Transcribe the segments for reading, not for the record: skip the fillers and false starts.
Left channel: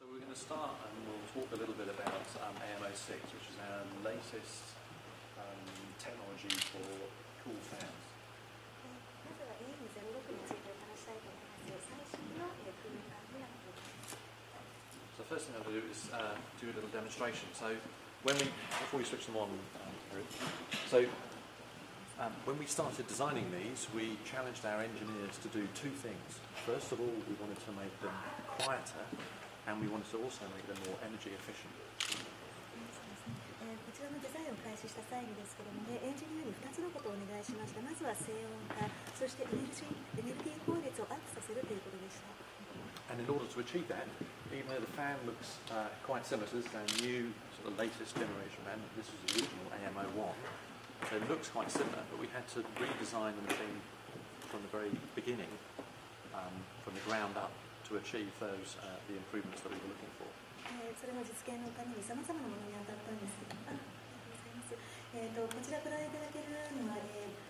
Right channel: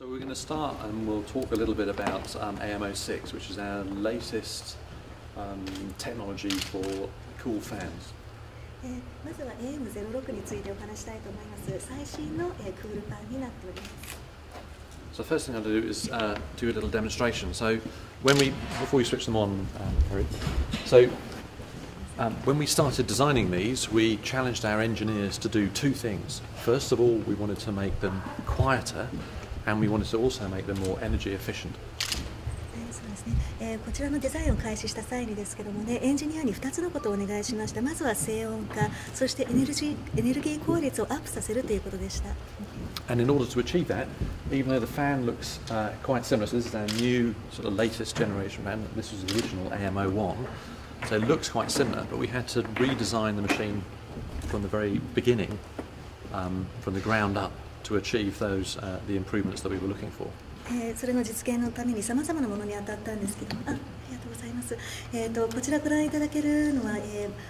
So we're going to start and we'll talk a little bit about AMO6, which is our latest technology for cool fans. まずは AM06 についてお話したいと思います。最新のクールファンになっております。So the first thing I'll do is do a little demonstration. So before we switch them on, when we started designing these, we challenged our engineers to do two things. First of all, we wanted to make them quieter, and we wanted to also make them more energy efficient. そうですね。こちらのデザインを開始した際にですけどもね、エンジニアに2つのことをお願いしました。まずは静音化、そしてエネルギー効率をアップさせるということでした。And in order to achieve that, even though the fan looks quite similar, so this is our new sort of latest generation fan. This was the original AMO1, so it looks quite similar, but we had to redesign the machine from the very beginning, from the ground up, to achieve those the improvements that we were looking for. それの実現のためにさまざまなものに当たったんですけども、ありがとうございます。こちらご覧いただけるのは、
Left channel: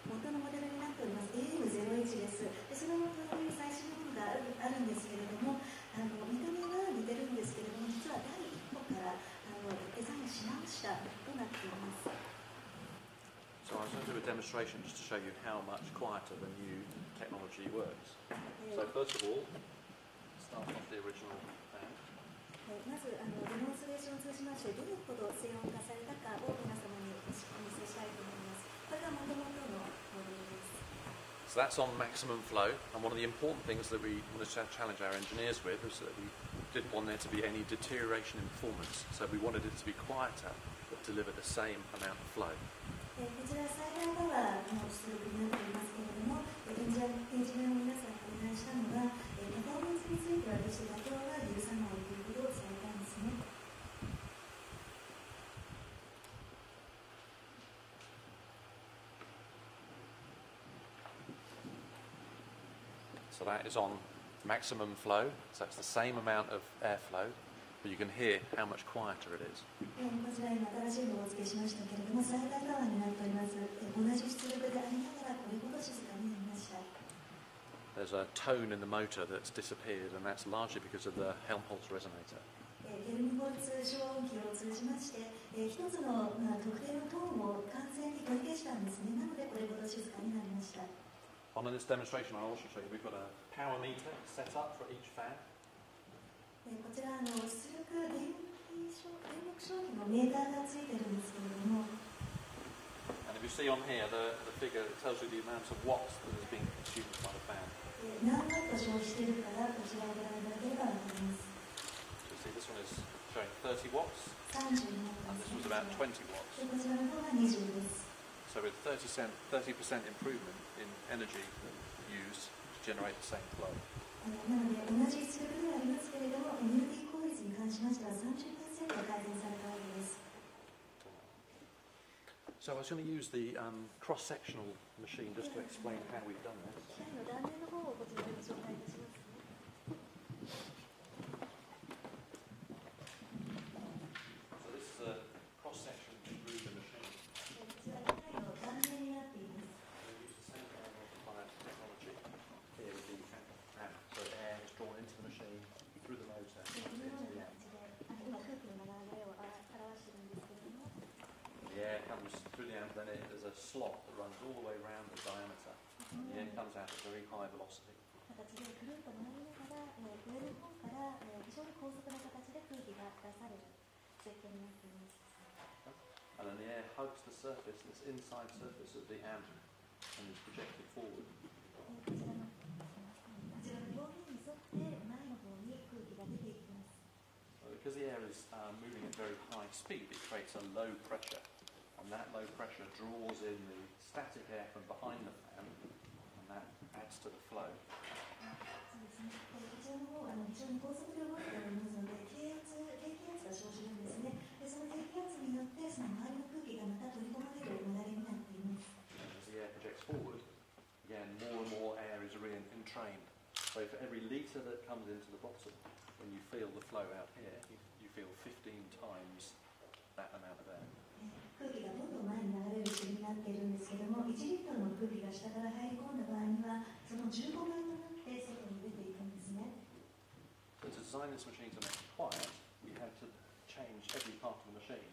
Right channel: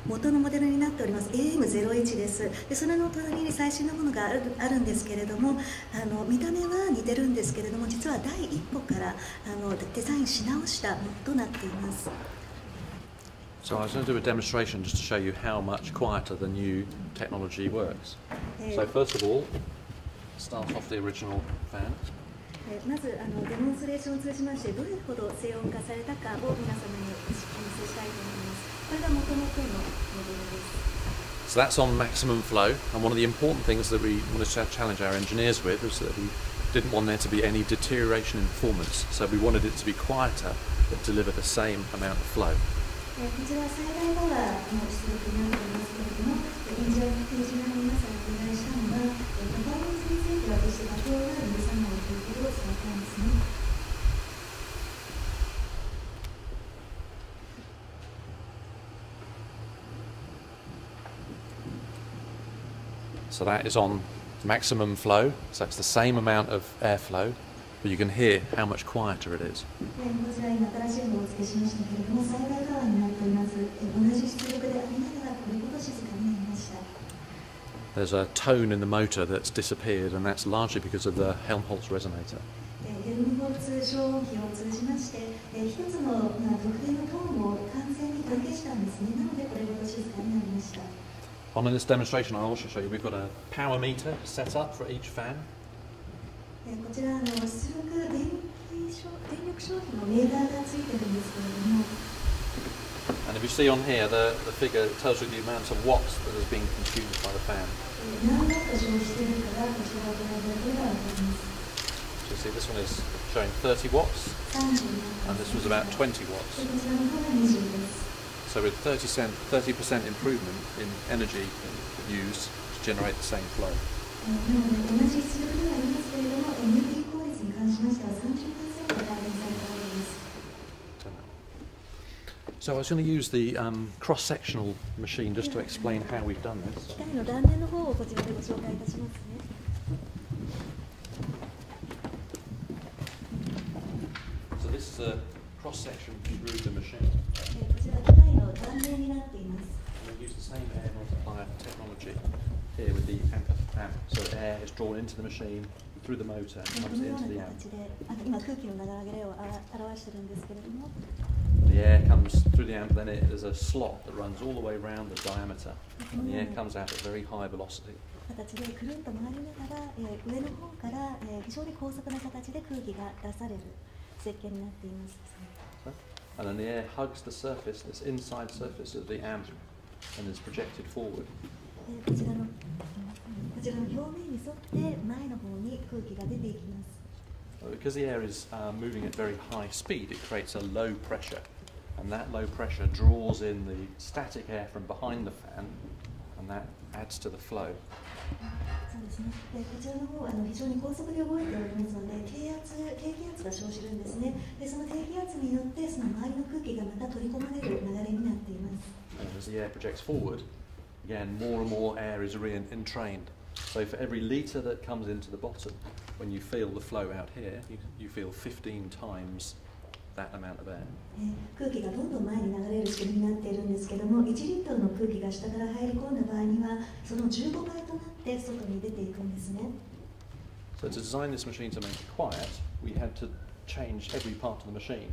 元のモデルになっております AM01 です。でそれの隣に最新のものがあるんですけれども、見た目は似てるんですけれども、実は第一歩からデザインし直したものとなっています。So I was going to do a demonstration just to show you how much quieter the new technology works. So first of all, start off the original fan. まずデモンストレーションを通じましてどれほど静音化されたかを皆様にお見せしたいと思います。これが元々のモデルです。So that's on maximum flow, and one of the important things that we wanted to challenge our engineers with was that we didn't want there to be any deterioration in performance. So we wanted it to be quieter but deliver the same amount of flow. こちらは最大パワーの出力になっていますけれども、エンジニアの皆さんにお願いしたのは、パフォーマンスについては決して妥協が許さないということを伝えたんですね。So that is on maximum flow, so that's the same amount of airflow, but you can hear how much quieter it is. こちら今新しいのをお付けしましたけれども、最大パワーになっております。同じ出力でありながらこれほど静かになりました。There's a tone in the motor that's disappeared, and that's largely because of the Helmholtz resonator. ヘルムホルツ消音器を通じまして、一つの特定のトーンを完全に取り消したんですね。なのでこれほど静かになりました。On this demonstration, I'll also show you we've got a power meter set up for each fan. こちら出力電力消費のレーダーがついてるんですけれども。And if you see on here, the figure tells you the amount of watts that is being consumed by the fan. 何ワット消費しているかがこちらご覧いただければわかります。So you see this one is showing 30 watts, and this was about 20 watts. So with 30% improvement in energy used to generate the same flow. So I was going to use the cross-sectional machine just to explain how we've done this. So this is a cross-section through the machine. We use the same air multiplier technology here with the amp. So air is drawn into the machine through the motor and comes into the amp. The air comes through the amp, then there's a slot that runs all the way around the diameter, and the air comes out at very high velocity. And then the air hugs the surface, this inside surface of the amp, and is projected forward. Because the air is moving at very high speed, it creates a low pressure, and that low pressure draws in the static air from behind the fan, and that adds to the flow. そうですね。こちらの方非常に高速で動いておりますので、低気圧が生じるんですね。で、その低気圧によってその周りの空気がまた取り込まれる流れになっています。And as the air projects forward, again, more and more air is entrained. So for every litre that comes into the bottom, when you feel the flow out here, you feel 15 times that amount of air. 空気がどんどん前に流れる仕組みになっているんですけども、1リットルの空気が下から入り込んだ場合には、その15倍となって外に出ていくんですね。So to design this machine to make it quiet, we had to change every part of the machine.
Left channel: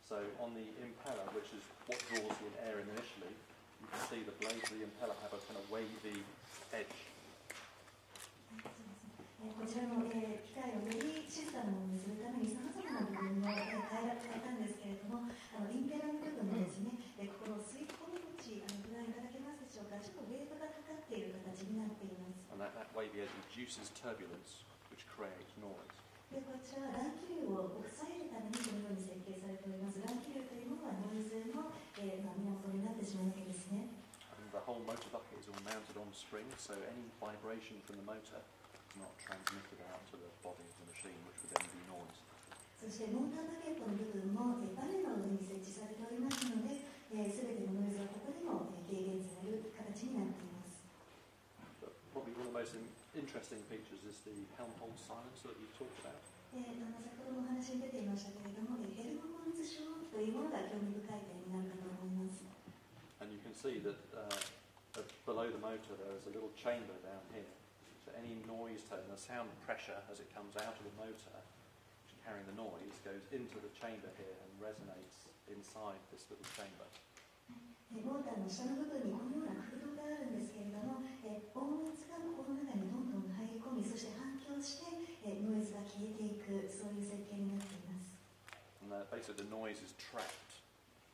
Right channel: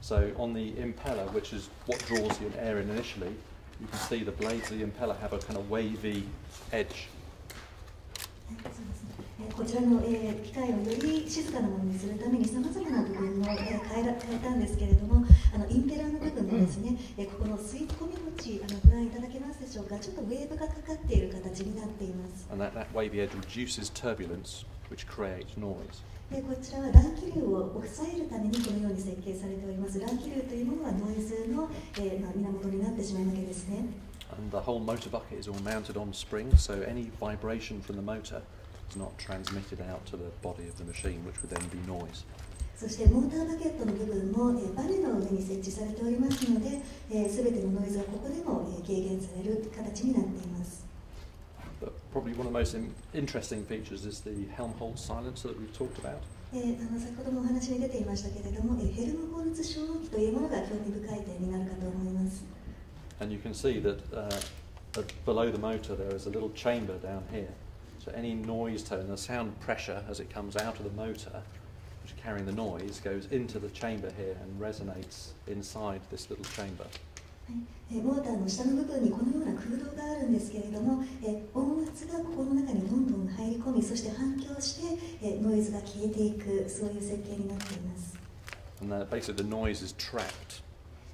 So on the impeller, which is what draws the air in initially, you can see the blades of the impeller have a kind of wavy edge. こちらの、機械をより静かなものにするためにさまざまな部分を、変えたんですけれども、インペラーの部分もですね、ここの吸い込み口ご覧いただけますでしょうか。ちょっとウェーブがかかっている形になっています。And that wavy edge reduces turbulence, which creates noise. こちらは乱気流を抑えるためにこのように設計されております。乱気流というものはノイズの、源になってしまうわけですね。And the whole motor bucket is all mounted on springs, so any vibration from the motor is not transmitted out to the body of the machine, which would then be noise. そしてモーターバケットの部分も、バネの上に設置されておりますので、すべてのノイズはここでも、軽減される形になっています。But probably one of the most interesting features is the Helmholtz silencer that we've talked about. 先ほどもお話に出ていましたけれども、ヘルムホルツ消音器というものが興味深い点になるかと思います。And you can see that below the motor there is a little chamber down here. So any noise tone, the sound pressure as it comes out of the motor, which is carrying the noise, goes into the chamber here and resonates inside this little chamber. モーターの下の部分にこのような空洞があるんですけれども、音圧がここの中にどんどん入り込み、そして反響して、ノイズが消えていく、そういう設計になっています。And basically the noise is trapped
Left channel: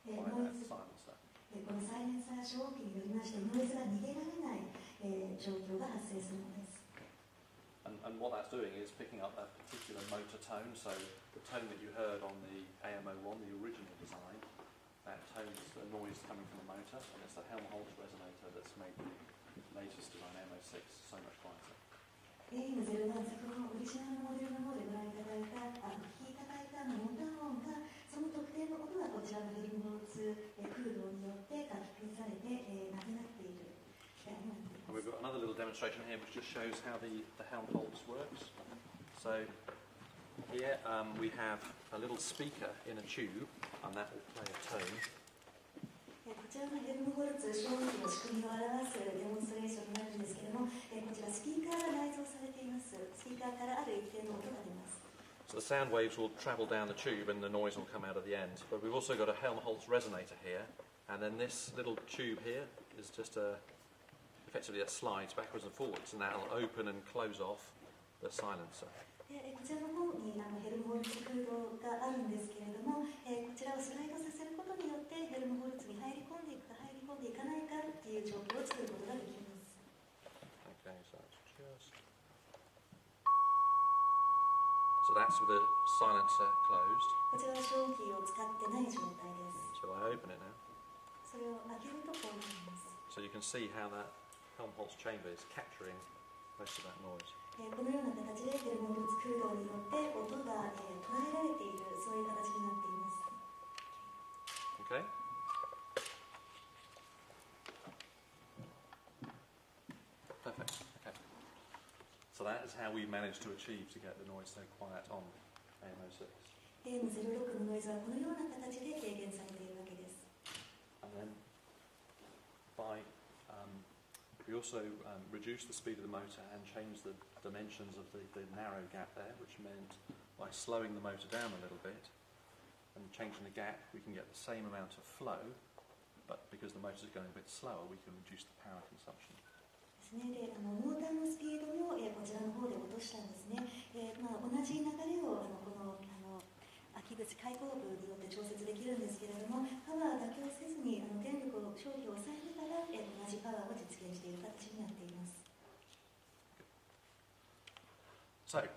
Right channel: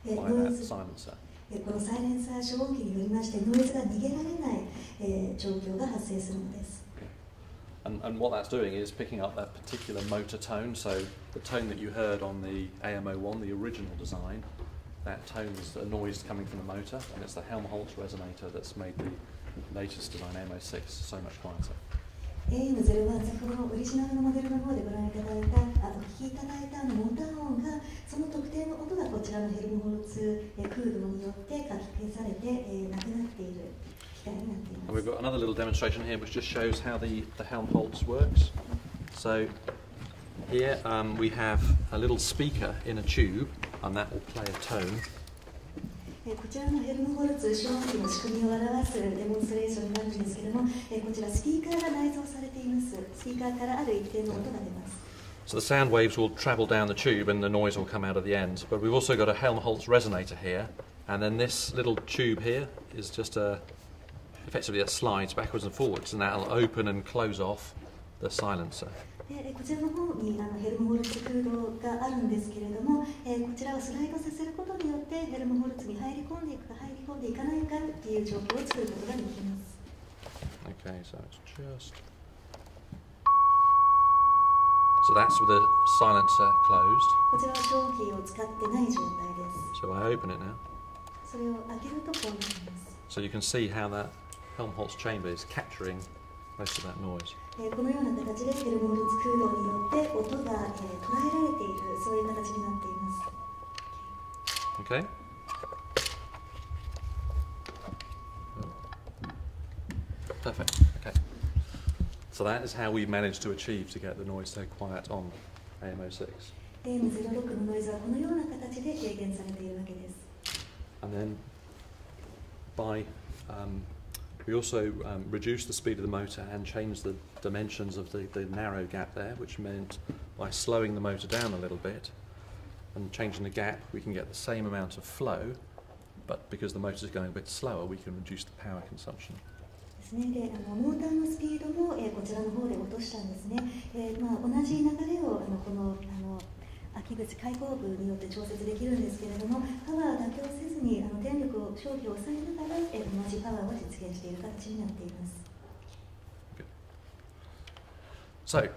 by that silencer. このサイレンサー消音器によりまして、ノイズが逃げられない、状況が発生するのです。And what that's doing is picking up that particular motor tone. So the tone that you heard on the AMO1, the original design, that tone is a noise coming from the motor, and it's the Helmholtz resonator that's made the latest design AMO6 so much quieter. AM0 は先ほどのオリジナルのモデルの方でご覧いただいた、お聞きいただいたモーター音が、その特定の音がこちらのヘルムホルツ空洞によってかき消されて、なくなっている機械になっています。And we've got another little demonstration here which just shows how the Helmholtz works. So here we have a little speaker in a tube, and that will play a tone. こちらのヘルムホルツ消音器の仕組みを表すデモンストレーションになるんですけれども、こちらスピーカーが内蔵されています。スピーカーからある一定の音が出ます。So the sound waves will travel down the tube and the noise will come out of the end. But we've also got a Helmholtz resonator here, and then this little tube here is just effectively it slides backwards and forwards, and that'll open and close off the silencer. こちらの方にヘルムホルツ空洞があるんですけれども、こちらをスライドさせることによってヘルムホルツに入り込んでいくか入り込んでいかないかっていう状況を作ることができます。Okay, so it's just. So that's with the silencer closed. こちらは消音器を使ってない状態です。So I open it now. それを開けるとこうなります。So you can see how that Helmholtz chamber is capturing most of that noise. このような形でヘルムホルツ空洞によって音が、捉えられている、そういう形になっています。Okay. Perfect. Okay. So that is how we managed to achieve to get the noise so quiet on AMO6. AM06 のノイズはこのような形で軽減されているわけです。And then we also reduced the speed of the motor and changed the dimensions of the narrow gap there, which meant by slowing the motor down a little bit and changing the gap, we can get the same amount of flow, but because the motor is going a bit slower, we can reduce the power consumption. ですね。で、モーターのスピードも、こちらの方で落としたんですね。同じ流れをこの空き口開口部によって調節できるんですけれども、パワー妥協せずに電力を消費を抑えながら、同じパワーを実現している形になっています。So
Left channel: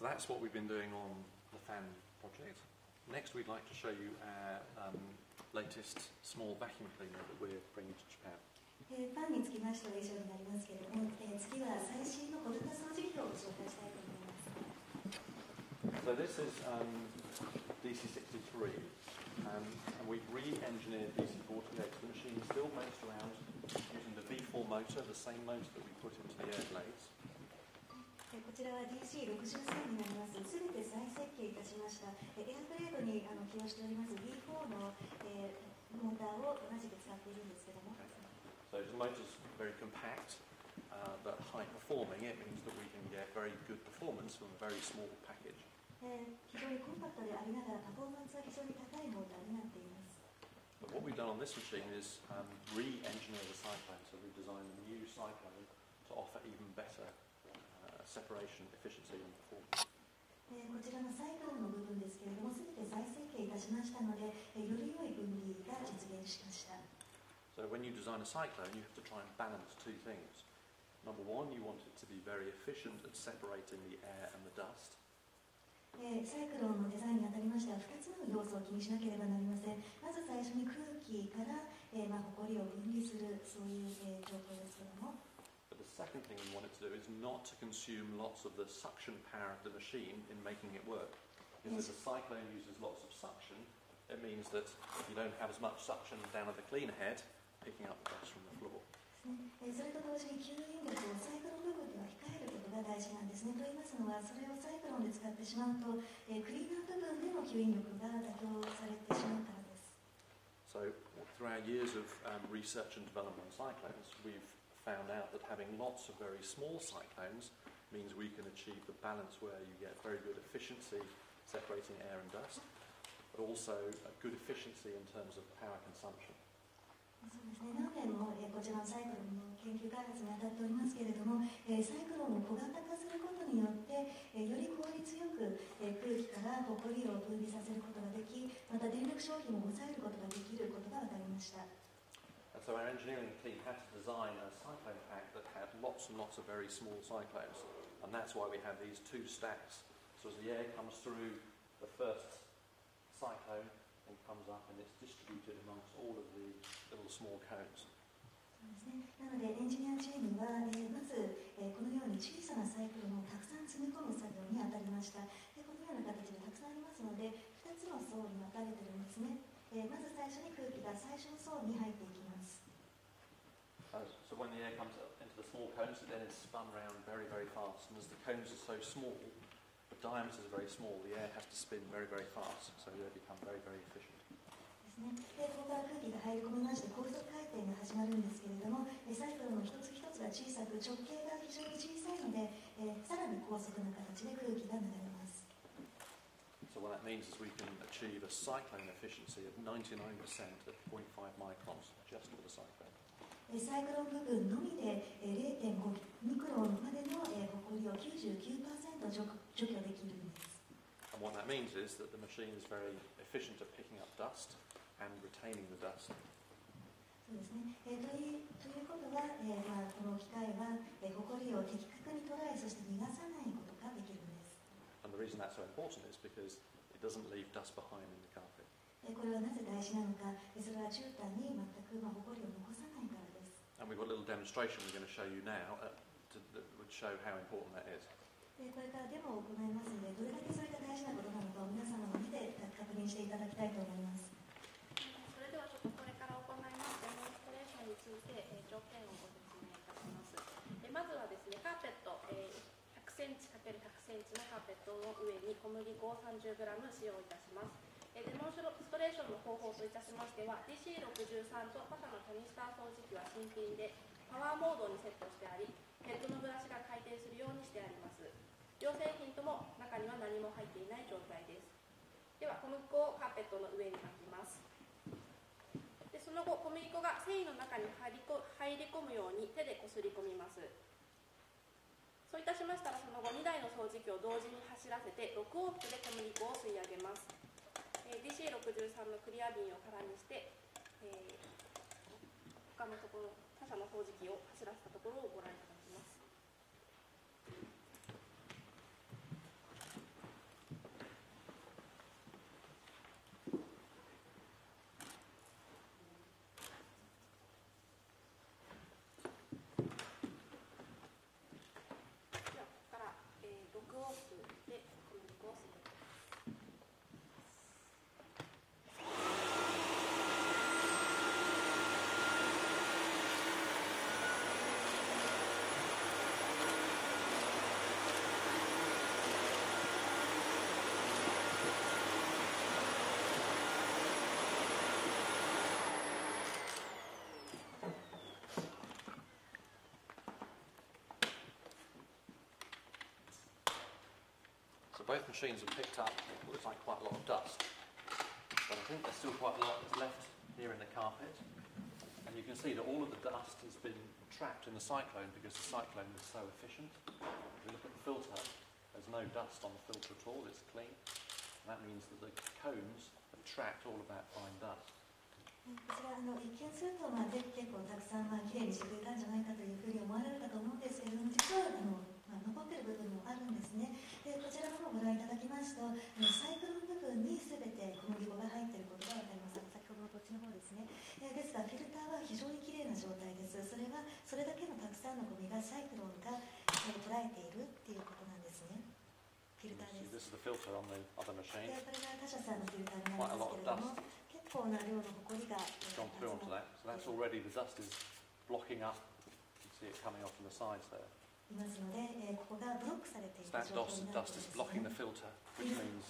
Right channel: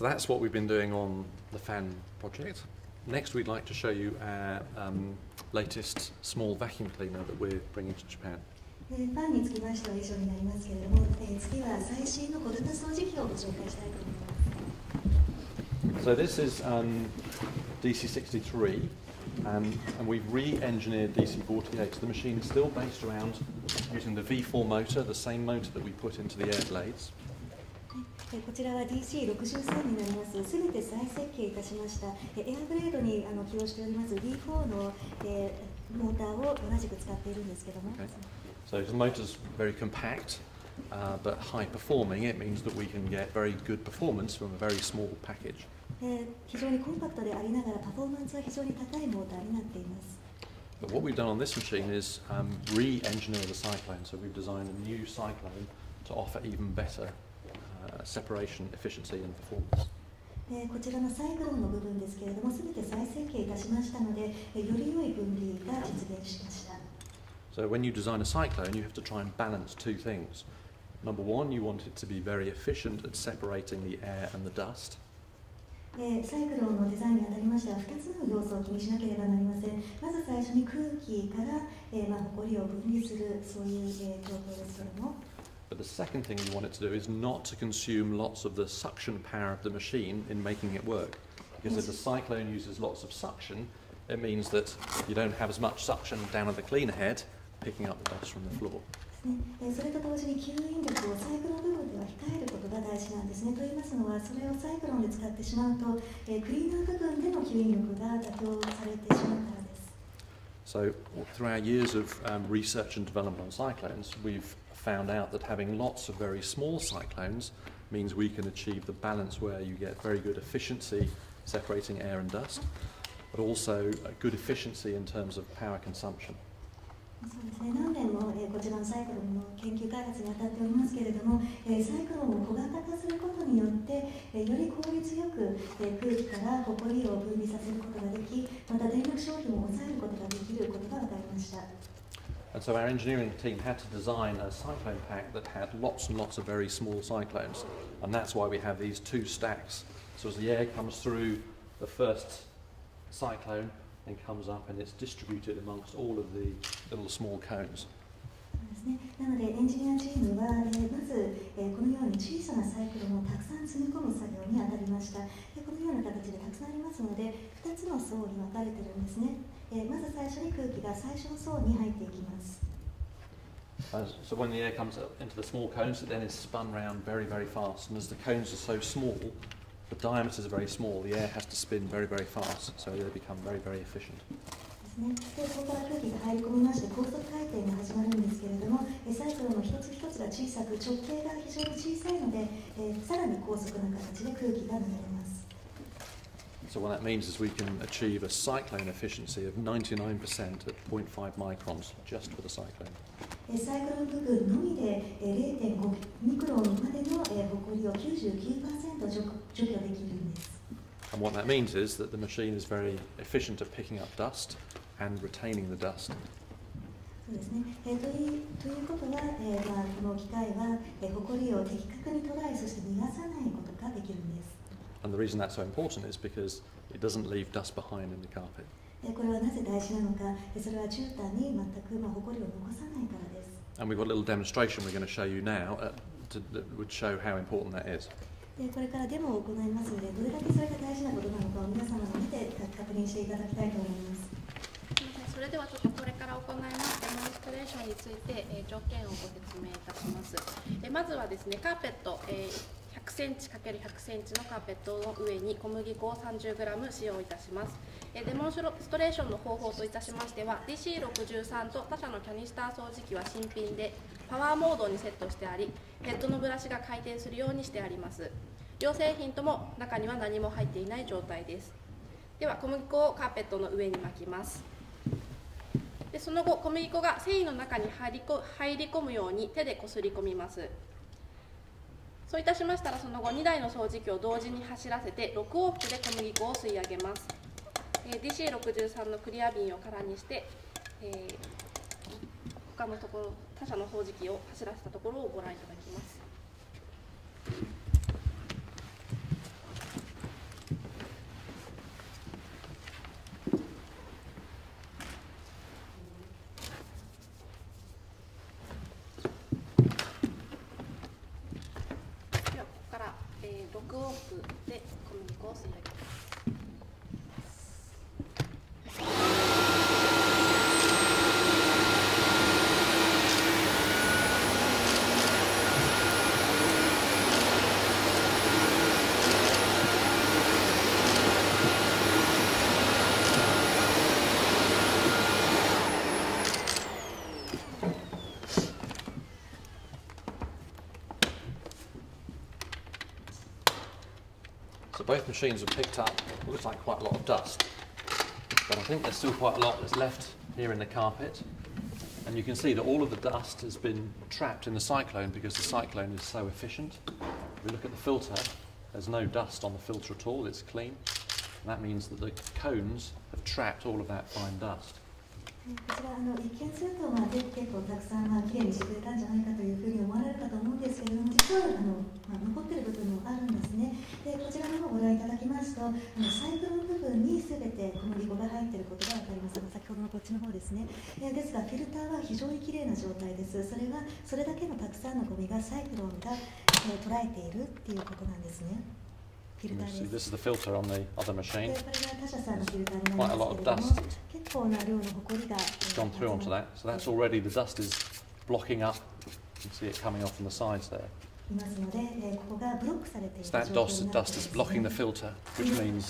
that's what we've been doing on the fan project. Next, we'd like to show you our latest small vacuum cleaner that we're bringing to Japan. ファンにつきましては以上になりますけれども、次は最新の小型掃除機をご紹介したいと思います。So this is DC63, and we've re-engineered DC48. The machine is still based around using the V4 motor, the same motor that we put into the air blades. こちらは DC63 になります。すべて再設計いたしました。エアブレードに起用しております V4 の、モーターを同じく使っているんですけども。Okay. So the motor's very compact, but high performing, it means that we can get very good performance from a very small package. 非常にコンパクトでありながらパフォーマンスは非常に高いモーターになっています。But what we've done on this machine is re-engineer the cyclone. So we've designed a new cyclone to offer even better separation, efficiency and performance. こちらのサイクロンの部分ですけれども、すべて再設計いたしましたので、より良い分離が実現しました。So when you design a cyclone, you have to try and balance two things. Number one, you want it to be very efficient at separating the air and the dust. サイクロンのデザインにあたりましては、2つの要素を気にしなければなりません。まず最初に空気から、埃を分離する、そういう、状況ですけれども。But the second thing you want it to do is not to consume lots of the suction power of the machine in making it work. Because if the cyclone uses lots of suction, it means that you don't have as much suction down at the cleaner head, picking up the dust from the floor. それと同時に吸引力をサイクロン部分では控えることが大事なんですね。と言いますのは、それをサイクロンで使ってしまうと、クリーナー部分での吸引力が妥協されてしまうからです。So through our years of research and development on cyclones, we've found out that having lots of very small cyclones means we can achieve the balance where you get very good efficiency separating air and dust, but also a good efficiency in terms of power consumption. そうですね、何年も、こちらのサイクロンの研究開発に当たっておりますけれども、サイクロンを小型化することによって、より効率よく、空気から埃を分離させることができ、また電力消費も抑えることができることが分かりました。And so our engineering team had to design a cyclone pack that had lots and lots of very small cyclones, and that's why we have these two stacks. So as the air comes through the first cyclone, and comes up and it's distributed amongst all of the little small cones. なのでエンジニアチームは、まず、このように小さなサイクロンをたくさん積み込む作業に当たりました。でこのような形でたくさんありますので、2つの層に分かれているんですね。まず最初に空気が最初の層に入っていきます。So when the air comes up into the small cones, it then is spun round very, very fast. And as the cones are so small, the diameters are very small, the air has to spin very, very fast, so they become very, very efficient. でそこから空気が入り込みまして高速回転が始まるんですけれども、サイクロンの一つ一つが小さく直径が非常に小さいので、さらに高速な形で空気が流れます。So what that means is we can achieve a cyclone efficiency of 99% at 0.5 microns just for the cyclone. サイクロン部分のみで 0.5 ミクロンまでの埃を 99% 除去できるんです。And what that means is that the machine is very efficient at picking up dust and retaining the dust. そうですね。ということは、この機械は埃を的確に捉え、そして逃がさないことができるんです。And the reason that's so important is because it doesn't leave dust behind in the carpet. これはなぜ大事なのか、それは絨毯に全く埃を残さないからです。And we've got a little demonstration we're going to show you now that would show how important that is. これからデモを行いますので、どれだけそれが大事なことなのかを皆様の見て確認していただきたいと思います。それではちょっとこれから行いますデモンストレーションについて、条件をご説明いたします。まずはですね、カーペット、100センチ ×100 センチのカーペットの上に小麦粉を 30g 使用いたします。デモンストレーションの方法といたしましては DC63 と他社のキャニスター掃除機は新品でパワーモードにセットしてあり、ヘッドのブラシが回転するようにしてあります。両製品とも中には何も入っていない状態です。では小麦粉をカーペットの上に巻きます。でその後小麦粉が繊維の中に入り込むように手でこすり込みます。そういたしましたらその後2台の掃除機を同時に走らせて6往復で小麦粉を吸い上げます。DC63 のクリア瓶を空にして、他社の掃除機を走らせたところをご覧いただきます。ではここから、6往復で小麦粉を吸い上げます。both machines have picked up what looks like quite a lot of dust, but I think there's still quite a lot that's left here in the carpet. And you can see that all of the dust has been trapped in the cyclone because the cyclone is so efficient. If we look at the filter, there's no dust on the filter at all, it's clean. And that means that the cones have trapped all of that fine dust. こちら一見すると、結構たくさんきれいにしてくれたんじゃないかというふうに思われるかと思うんですけれども、実は残っている部分もあるんですね。でこちらの方をご覧いただきますと、サイクルの部分にすべてこのリボが入っていることが分かります。先ほどのこっちの方ですね。ですがフィルターは非常にきれいな状態です。それはそれだけのたくさんのゴミがサイクロンが捉えているっていうことなんですね。フィルターです。This is the filter on the other machine. これが他社さんのフィルターにな Quite り a ま lot す of けれども、 dust 結構な量のホコリが gone through onto that. So that's already the dust is blocking up. You can see it coming off from the sides there. いますので、ここがブロックされている So 状 that 況になっています dust is blocking the filter, which means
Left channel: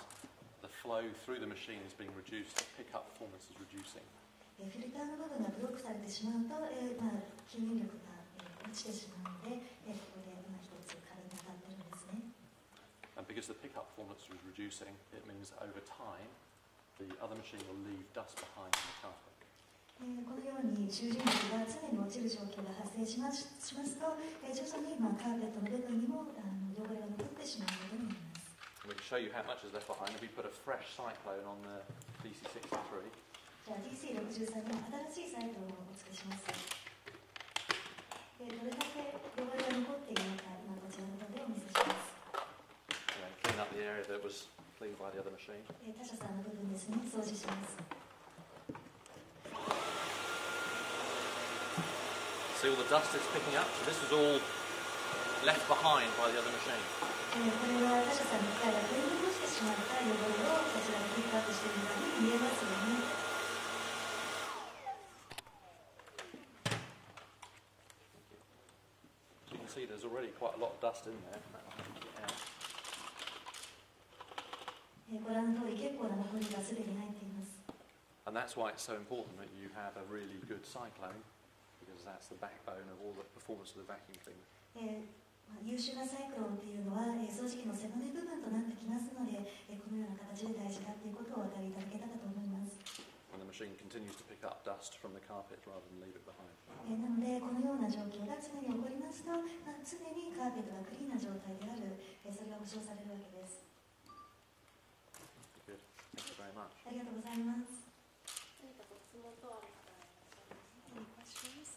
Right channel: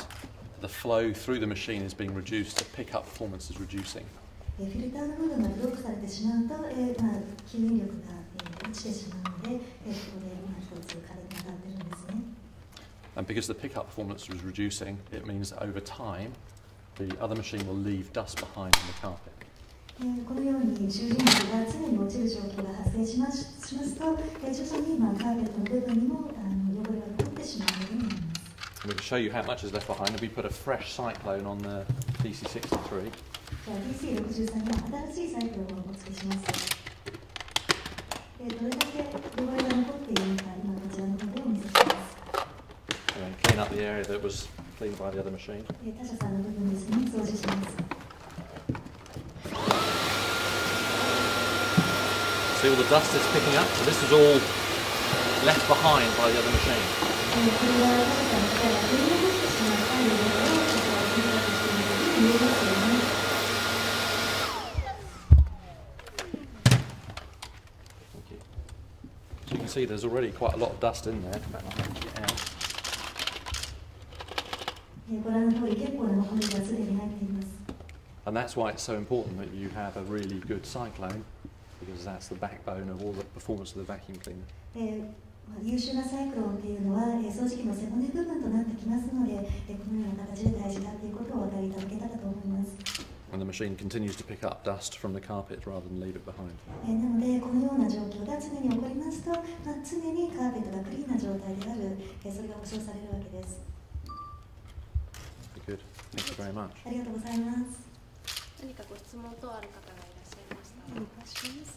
the flow through the machine is being reduced. The pickup performance is reducing. フィルターの部分がブロックされてしまうと、吸引力が落ちてしまうので、ここで一つ軽く当たってるんですね。And because the pickup performance was reducing, it means that over time, the other machine will leave dust behind in the carpet. このように集塵力が常に落ちる状況が発生しますと、徐々にカーペットの部分にも汚れが残ってしまうようになります。We can show you how much is left behind. If we put a fresh cyclone on the DC63, じゃあ DC63 には新しいサイクルをお付けします。どれだけ汚れが残っているのか、今こちらの方でお見せします。and clean up the area that was cleaned by the other machine. 他社さんの部分ですね、掃除します。See all the dust it's picking up? So this was all left behind by the other machine. これは他社さんの機械が取り残してしまった汚れをこちらでピックアップしているというふうに見えますよね。Thank you. So you can see there's already quite a lot of dust in there. In fact, I'll actually out. ご覧の通り結構なホコリがすでに入っています。 And that's why it's so important that you have a really good cyclone, because that's the backbone of all the performance of the vacuum cleaner. 優秀なサイクロンっていうのは掃除機の背骨部分となってきますので、このような形で大事だということをお分かりいただけたらと思います。 And the machine continues to pick up dust from the carpet rather than leave it behind. なのでこのような状況が常に起こりますと、常にカーペットがクリーンな状態である、それが保証されるわけです。 Good. Thank you very much. ありがとうございます。何かご質問等ある方がいらっしゃいましたら。 Any questions?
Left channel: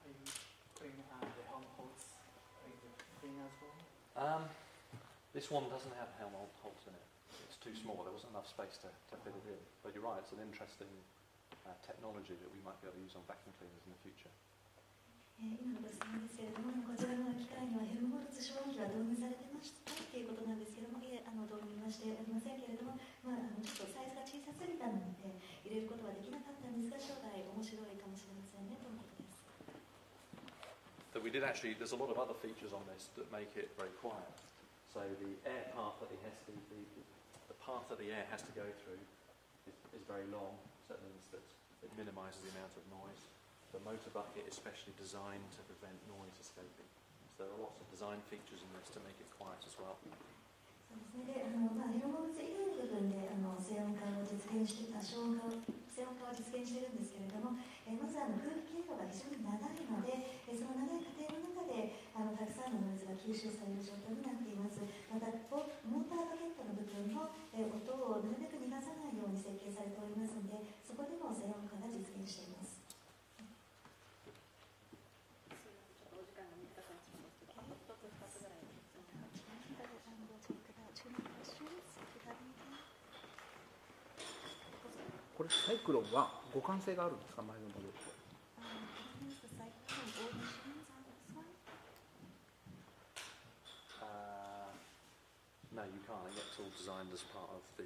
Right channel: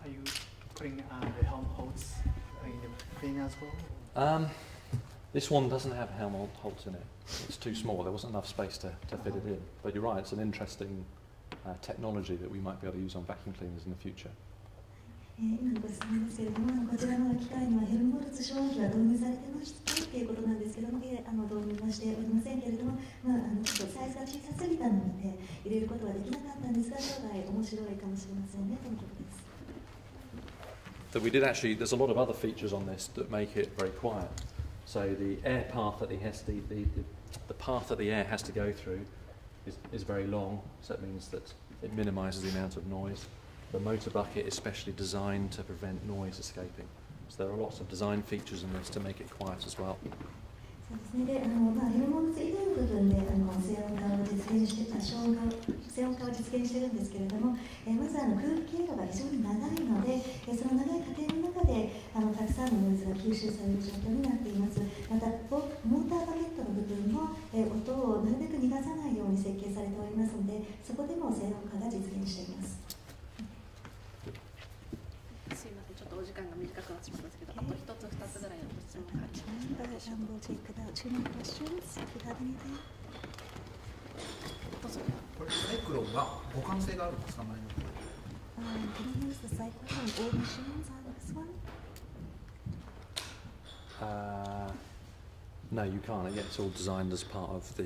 Are you putting the helm holds in the clean as well? This one doesn't have helm holds in it. It's too small. There wasn't enough space to fit it in. But you're right, it's an interesting technology that we might be able to use on vacuum cleaners in the future. 今のご質問ですけれども、こちらの機械にはヘルムホルツ消費は導入されてましたということなんですけれども、導入はしておりませんけれども、ちょっとサイズが小さすぎたので入れることはできなかったんですが、将来面白いかもしれませんねとのことです。So we did actually, there's a lot of other features on this that make it very quiet. So the air path that the path that the air has to go through is very long, so it means that it minimises the amount of noise. The motor bucket is specially designed to prevent noise escaping. So there are lots of design features in this to make it quiet as well. そうですね。で、ヘルモンツ以外の部分で静音化を実現して、静音化を実現しているんですけれども、まず空気経路が非常に長いので、その長い過程の中でたくさんのノイズが吸収される状況になっています。またモーターバケットの部分も、音をなるべく逃がさないように設計されておりますので、そこでも静音化が実現しています。すいません、ちょっとお時間が短くなってしまったんですけど、あと一つ二つぐらいのご質問がありました。 We'll take about 2 more questions if you have anything. どうぞ。これサイクロンは互換性があるんですか、前の方。Can you use the cycle on all machines on this one? No, you can't. It's all designed as part of the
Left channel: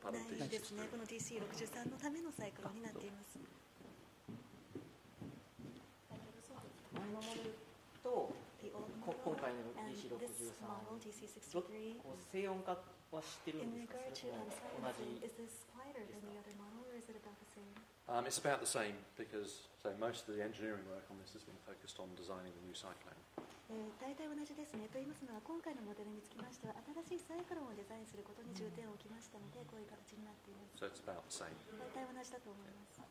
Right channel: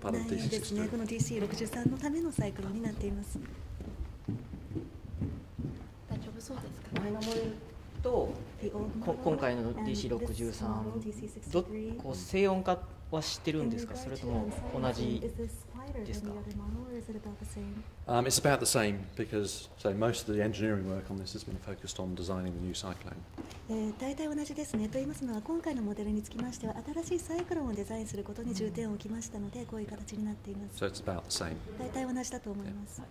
part of ないですね。この DC63 のためのサイクロンになっています。大丈夫そうですか。前のモデルと今回の DC63 こう静音化はしてるんですか、それとも同じ wider than the other model, or is it about the same? It's about the same because most of the engineering work on this has been focused on designing the new cyclone. 大体同じですね。と言いますのは、今回のモデルにつきましては、新しいサイクロンをデザインすることに重点を置きましたので、こういう形になっています。So it's about the same. 大体同じだと思います。Can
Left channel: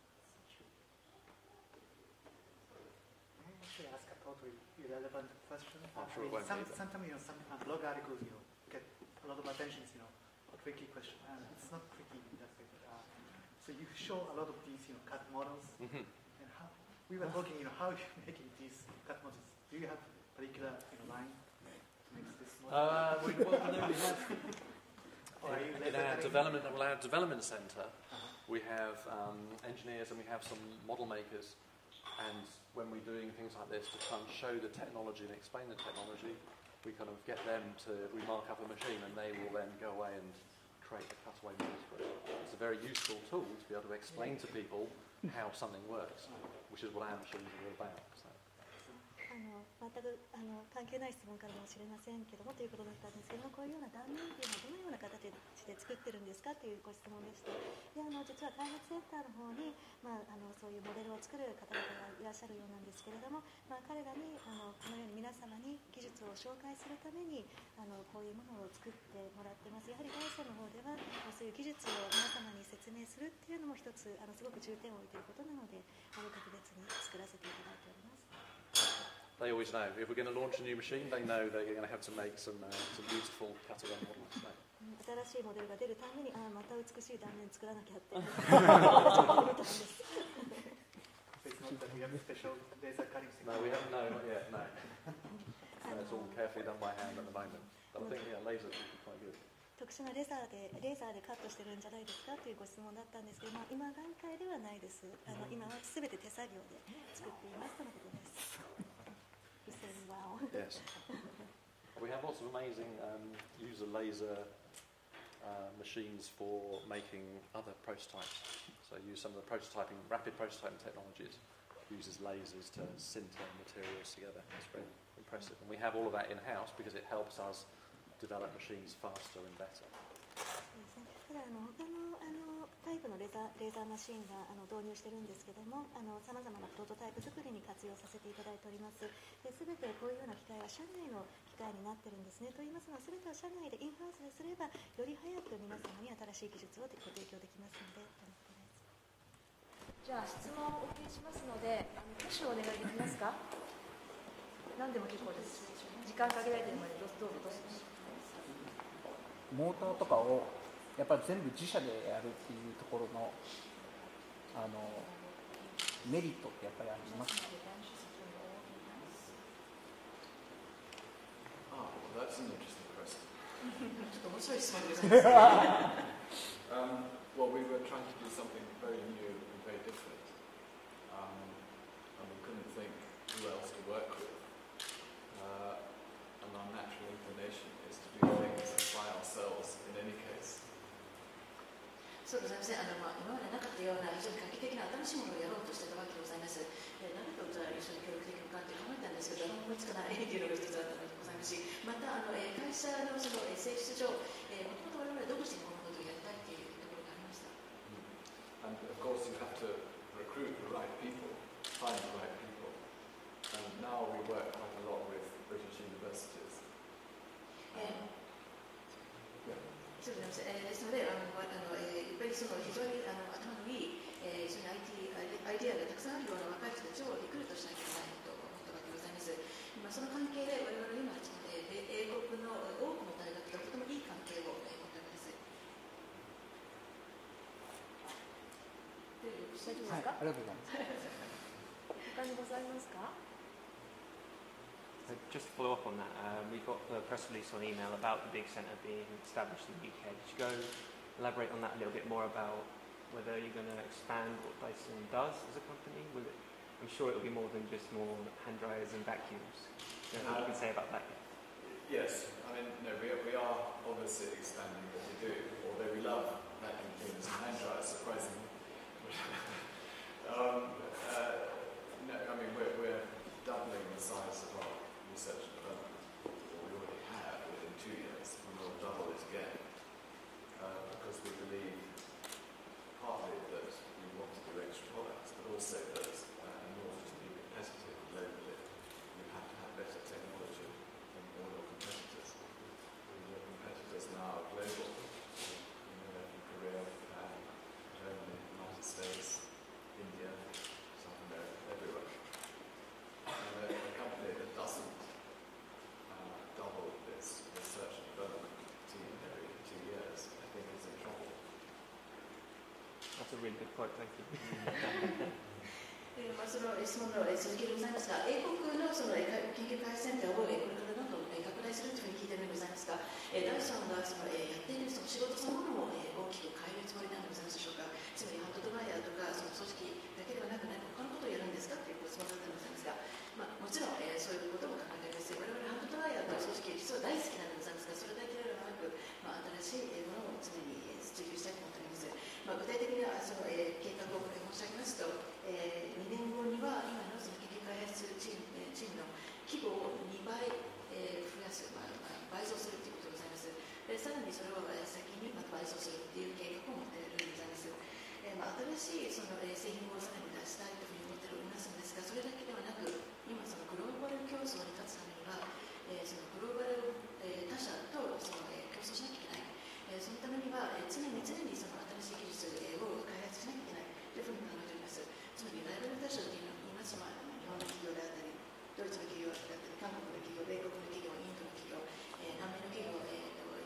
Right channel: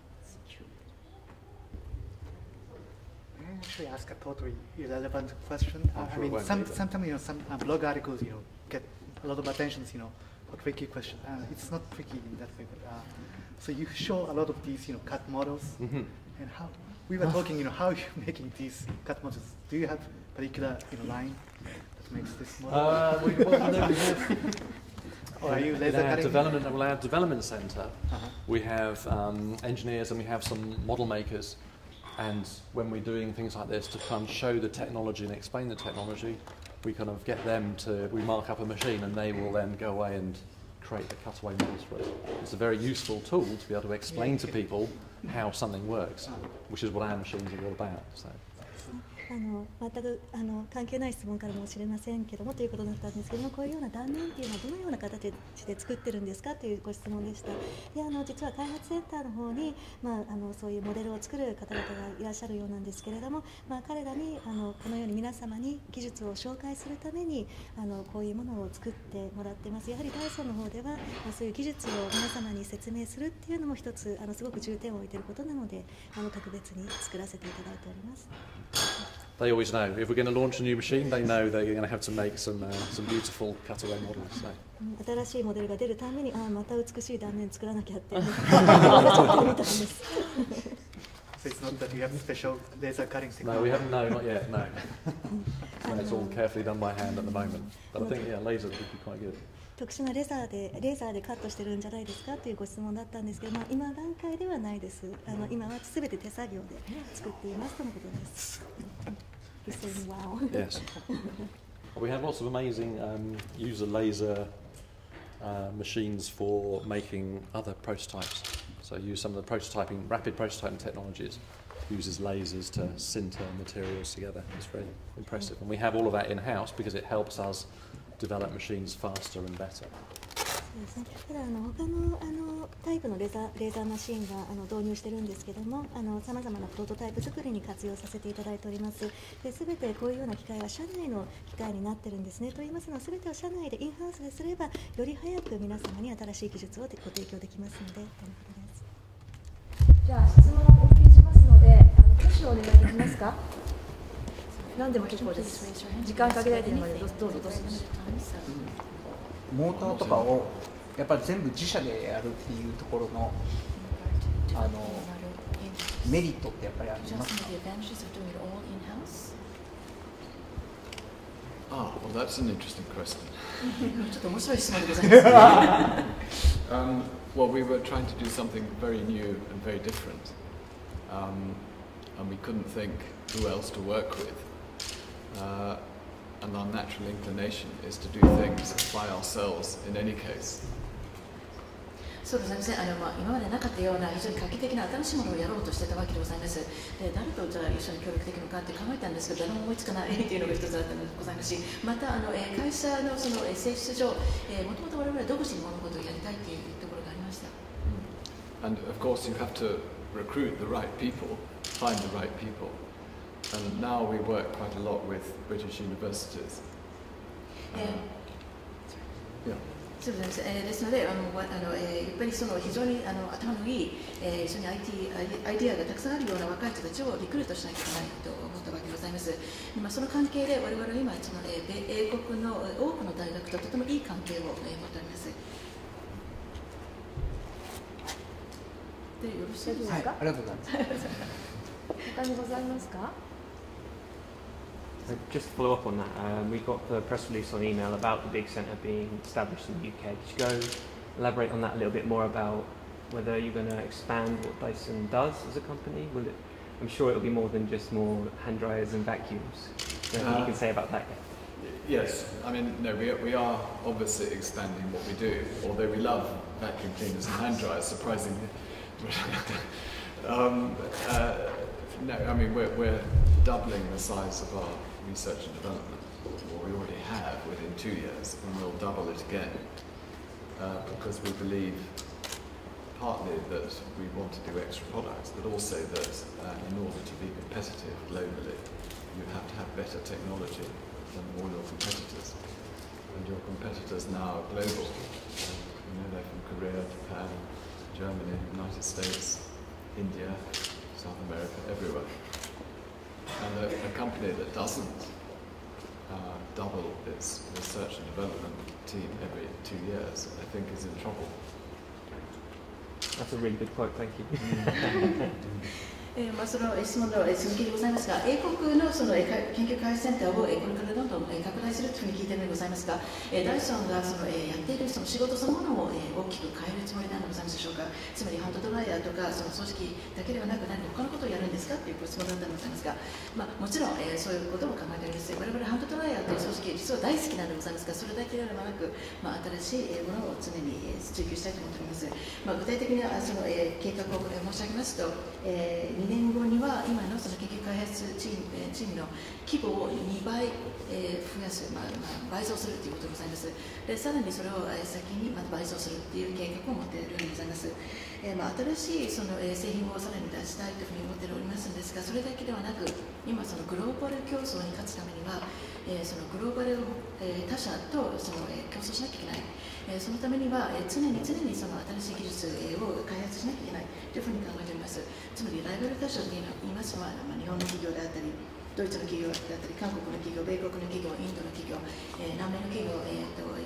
I actually ask a totally irrelevant question? I'm I sure it mean, won't be, but- sometimes some blog articles get a lot of attention, for tricky question. It's not tricky in that way, but so you show a lot of these cut models, Mm-hmm. and how we were talking, how you're making these cut models. Do you have particular line that makes this model? We have Or are you in laser our cutting? development centre, Uh-huh. we have engineers and we have some model makers. And when we're doing things like this to try and show the technology and explain the technology, we kind of get them we mark up a machine and they will then go away and create the cutaway models for it. It's a very useful tool to be able to explain to people how something works, which is what our machines are all about. So. 全く関係ない質問からもしれませんけどもということだったんですけども、こういうような断面というのはどのような形で作ってるんですかというご質問でした。で実は開発センターの方に、そういうモデルを作る方々がいらっしゃるようなんですけれども、彼らにこのように皆様に技術を紹介するためにこういうものを作ってもらっています。やはりダイソンの方ではそういう技術を皆様に説明するっていうのも一つすごく重点を置いていることなので特別に作らせていただいております。They always know if we're going to launch a new machine. They know they're going to have to make some beautiful cutaway models. So. 新しいモデルが出るためにまた美しい断面作らなきゃって思ってるみたいです。So it's not that you have special laser cutting technology. No, we haven't. No, not yet. No. And it's all carefully done by hand at the moment. But I think laser would be quite good. 特殊なレーザーでカットしてるんじゃないですかというご質問だったんですけども、今段階ではないです。今はすべて手作業で作っていますとのことです。He's saying wow. Yes. We have lots of amazing user laser machines for making other prototypes. So use some of the rapid prototyping technologies. Uses lasers to sinter materials together. It's very impressive. And we have all of that in-house because it helps us develop machines faster and better. そうですね。ただ他のタイプのレーザーマシンは導入してるんですけども、さまざまなプロトタイプ作りに活用させていただいております。で、全てこういうような機械は社内の機械になってるんですね。と言いますのは全てを社内でインハウスですればより早く皆様に新しい技術をご提供できますのでということです。じゃあ質問をお受けしますので、挙手をお願いできますか。何でも結構です。時間かけられているのでどうぞどうぞ。モーターとかをやっぱり全部自社でやるっていうところのメリットってやっぱりありますか？ Well, that's an interesting question. ちょっと面白い質問でございます。Well, we were trying to do something very new and very different, and we couldn't think who else to work with. And our natural inclination is to do things by ourselves in any case. そうですね。今までなかったような非常に画期的な新しいものをやろうとしてたわけでございます。誰とじゃあ一緒に協力できるのかって考えたんですけど、誰も思いつかないというのが一つあったのでございますし、また会社のその性質上、もともと我々は独自に物事をやりたいというところがありました。And of course, you have to recruit the right people, find the right people. And now we work quite a lot with British universities. Yeah. そうですので、やっぱりその非常に頭のいい、非常にアイディアがたくさんあるような若い人たちをリクルートしなきゃいけないと思ったわけでございます。その関係で我々は今英国の多くの大学ととてもいい関係を持っております。でよろしいですか？ありがとうございます。他にございますか？Just to follow up on that, we got the press release on email about the big centre being established in the UK. Could you go elaborate on that a little bit more about whether you're going to expand what Dyson does as a company? I'm sure it will be more than just more hand dryers and vacuums. Anything you can say about that yet? Yes, I mean, no, we are obviously expanding what we do, although we love vacuum cleaners and hand dryers, surprisingly. No, I mean, we're doubling the size of our research and development, what we already have within 2 years, and we'll double it again because we believe partly that we want to do extra products, but also that in order to be competitive globally, you have to have better technology than all your competitors. And your competitors now are global. They're from Korea, Japan, Germany, United States, India, South America, everywhere. And a company that doesn't double its research and development team every 2 years, I think is in trouble. That's a really good quote, thank you. その質問の続きでございますが、英国のその研究開発センターをこれからどんどん拡大するというふうに聞いているのでございますが、ダイソンがそのやっているその仕事そのものを大きく変えるつもりなのでございますでしょうか。つまりハンドドライヤーとかその掃除機だけではなく何か他のことをやるんですかというご質問だったのでございますが、もちろん、そういうことも考えております。我々ハンドドライヤーと掃除機実は大好きなのでございますが、それだけではなく、新しいものを常に追求したいと思っております。具体的なその計画を申し上げますと、2年後には今のその研究開発チームの規模を2倍、増やす、倍増するということでございます。でさらにそれを先にまた倍増するという計画を持っているようでございます。新しいその製品をさらに出したいというふうに思っておりますんですが、それだけではなく、今そのグローバル競争に勝つためには、そのグローバル、他社とその、競争しなきゃいけない。そのためには、常にその新しい技術を開発しなきゃいけないというふうに考えております。つまりライバル他社と言いますのは、日本の企業であったり、ドイツの企業であったり、韓国の企業、米国の企業、インドの企業、南米の企業、い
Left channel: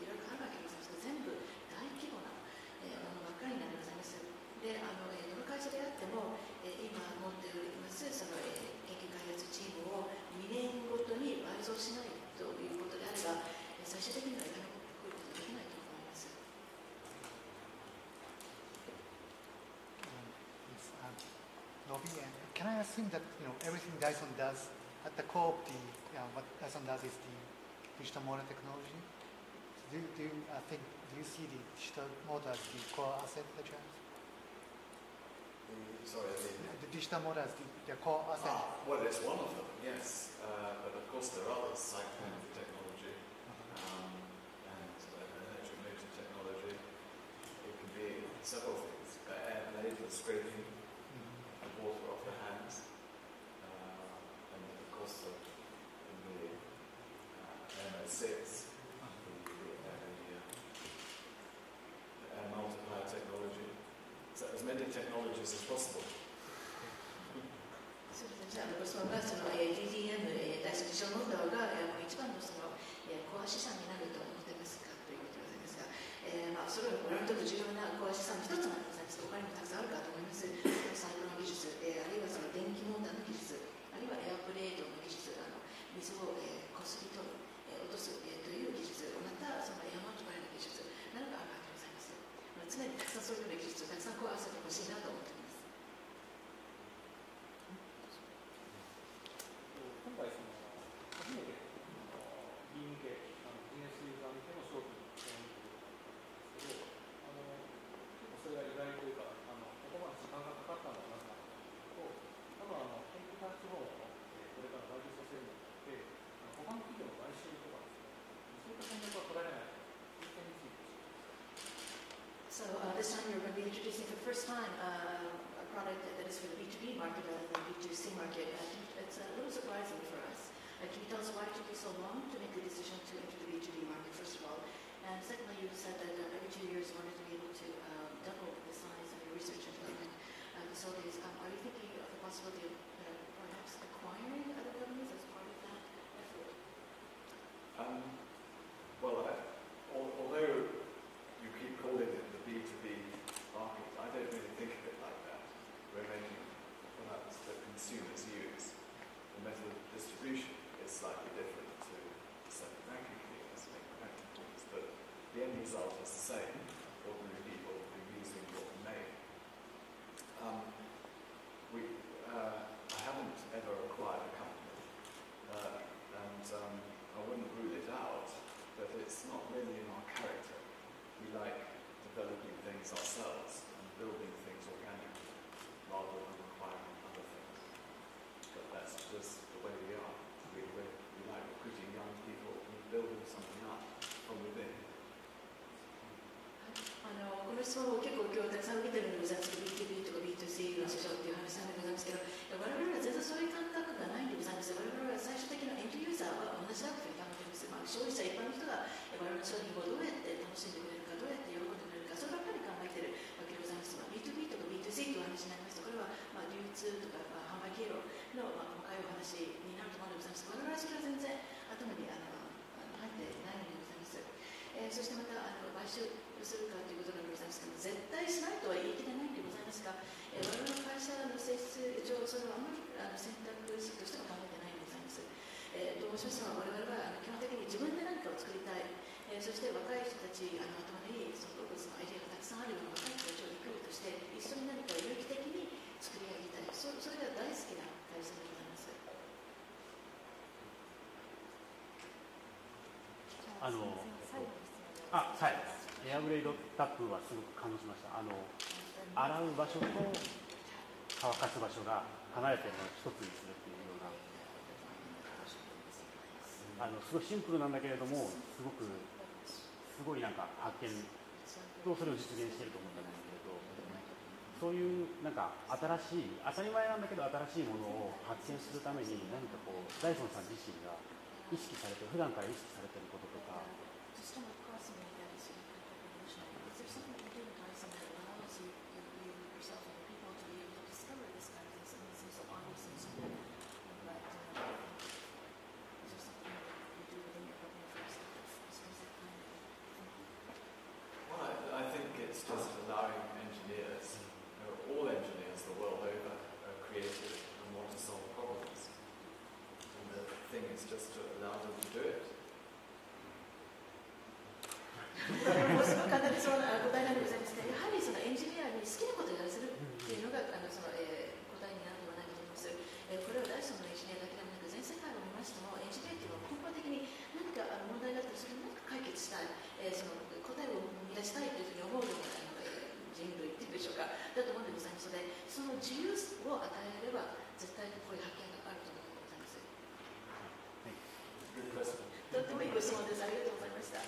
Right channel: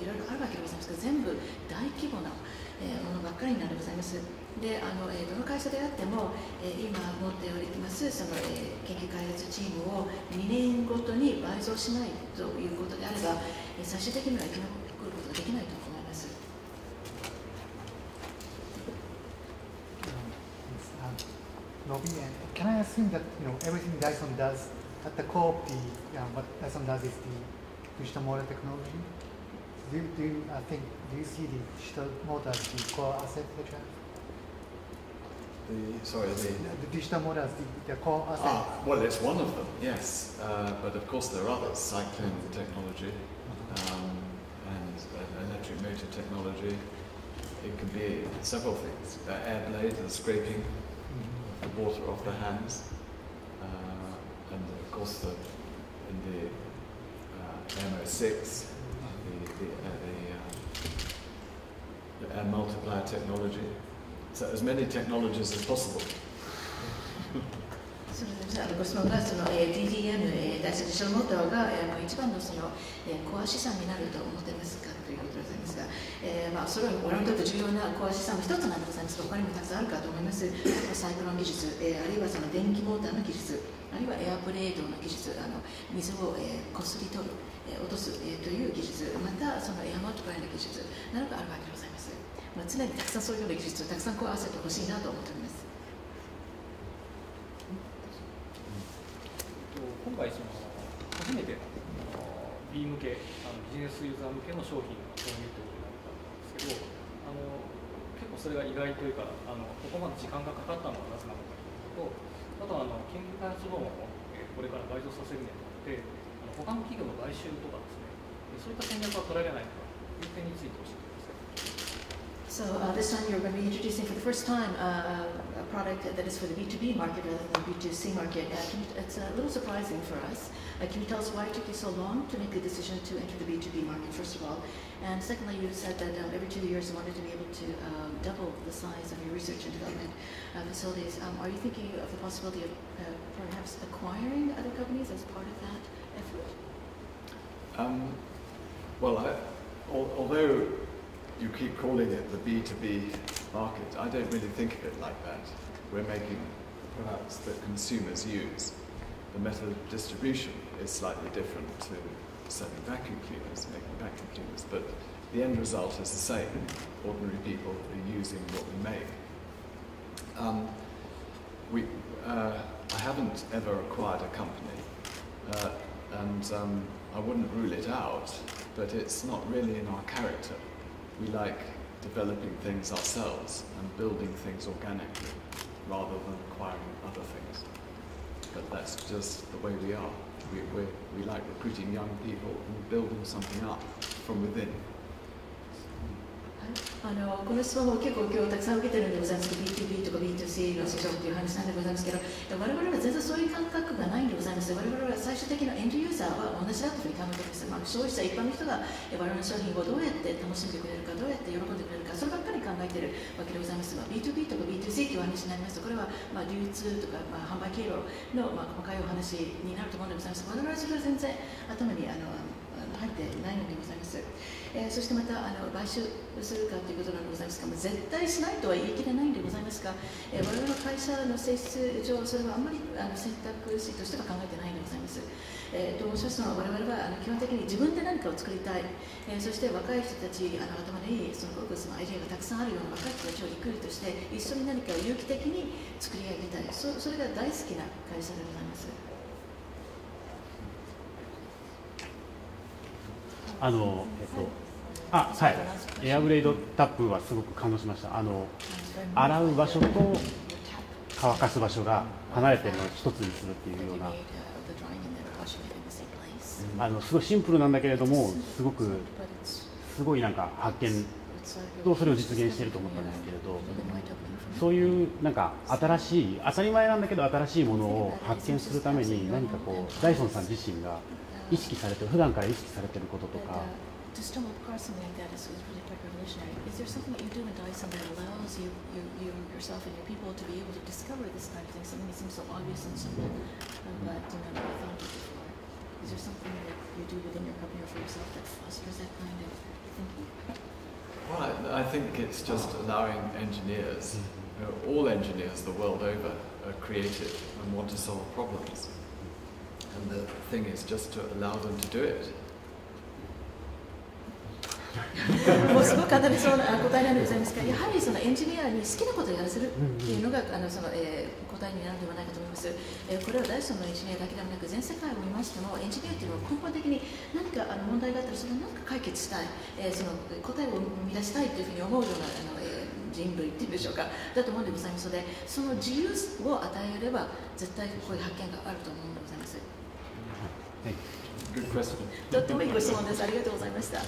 ろいろあるわけでございますが、全部大規模な、ものばっかりになるでございます。で、どの会社であっても、今持っておりますその、研究開発チームを2年ごとに倍増しないということであれば、最終的には生き残ることができないと思います。Nobby, and can I assume that everything Dyson does at the core of the what Dyson does is the digital motor technology? Do you see the digital motor as the core asset that you have? The digital motor as the core asset. Well, it's one of them, yes. But of course there are others, cyclone technology and electric motor technology. It can be several things. Air blade, the scraping of the water off the hands. And of course in the MO6, the air multiplier technology. So as many technologies as possible. ご質問がその DDM、ダイソンディジタルモーターが一番のそのコア資産になると思っていますかということでございますが、それは我々にとって重要なコア資産の一つなんでございますが、他にもたくさんあるかと思います。サイクロン技術、あるいはその電気モーターの技術、あるいはエアブレードの技術、水をこすり取る、落とすという技術、またそのエアマルチプライの技術などがあるわけでございます。常にたくさんそういうような技術をたくさんコア合わせてほしいなと思っております。今回初めてB 向けビジネスユーザー向けの商品の導入ということだったんですけど、結構それが意外というかここまで時間がかかったのはなぜなのかということと、あと研究開発部門をこれから倍増させるにあたって他の企業の買収とかですね、そういった戦略は取られないのかという点について教えてください。So this time you're going to be introducing for the first time a product that is for the B2B market rather than the B2C market. It's a little surprising for us. Can you tell us why it took you so long to make the decision to enter the B2B market, first of all? And secondly, you said that every 2 years you wanted to be able to double the size of your research and development facilities. Are you thinking of the possibility of perhaps acquiring other companies as part of that effort? Well, although you keep calling it the B2B market, I don't really think of it like that. We're making products that consumers use. The method of distribution is slightly different to selling vacuum cleaners, making vacuum cleaners, but the end result is the same. Ordinary people are using what we make. I haven't ever acquired a company, and I wouldn't rule it out, but it's not really in our character. We like developing things ourselves and building things organically rather than acquiring other things. But that's just the way we are. We like recruiting young people and building something up from within. この質問も結構今日たくさん受けてるんでございますけど、B2B とか B2C の市場という話なんでございますけど、我々は全然そういう感覚がないんでございます。我々は最終的なエンドユーザーは同じだというふうに考えています。消費者一般の人が我々の商品をどうやって楽しんでくれるか、どうやって喜んでくれるか、そればっかり考えているわけでございますが、B2B とか B2C という話になりますと、これは流通とか販売経路の細かいお話になると思うんでございます。我々はそれは全然頭に入ってないのでございます。そしてまた買収するかということなのでございますが、絶対しないとは言い切れないんでございますが、我々の会社の性質上、それはあんまり選択肢としては考えてないんでございます。と申しますのは、我々は基本的に自分で何かを作りたい、そして若い人たち、頭にそのアイデアがたくさんあるような若い人たちをリクルートして、一緒に何かを有機的に作り上げたい、それが大好きな会社でございます。はい、エアブレードタップはすごく感動しました。洗う場所と乾かす場所が離れているのを一つにするっていうような、すごいシンプルなんだけれども、すごいなんか発見とそれを実現していると思ったんですけれど、そういうなんか新しい、当たり前なんだけど新しいものを発見するために何かこうダイソンさん自身が意識されてる、普段から意識されていることとか。To stumble across something like that is really quite revolutionary. Is there something that you do in Dyson that allows you yourself and your people to be able to discover this kind of thing, something that seems so obvious and simple, but never thought of before? Is there something that you do within your company for yourself that fosters that kind of thinking? Well, I think it's just allowing engineers, all engineers the world over are creative and want to solve problems. And the thing is just to allow them to do it. もうすごく簡単にそうな答えなんでございますが、やはりそのエンジニアに好きなことをやらせるっていうのが答えになるのではないかと思います。これはダイソンのエンジニアだけではなく、全世界を見ましても、エンジニアっていうのは根本的に何か問題があったら、それを何か解決したい、その答えを生み出したいというふうに思うような人類っていうんでしょうか、だと思うんでございますので、その自由を与えれば、絶対こういう発見があると思うのでございます。Good question. とってもいいご質問です。ありがとうございました。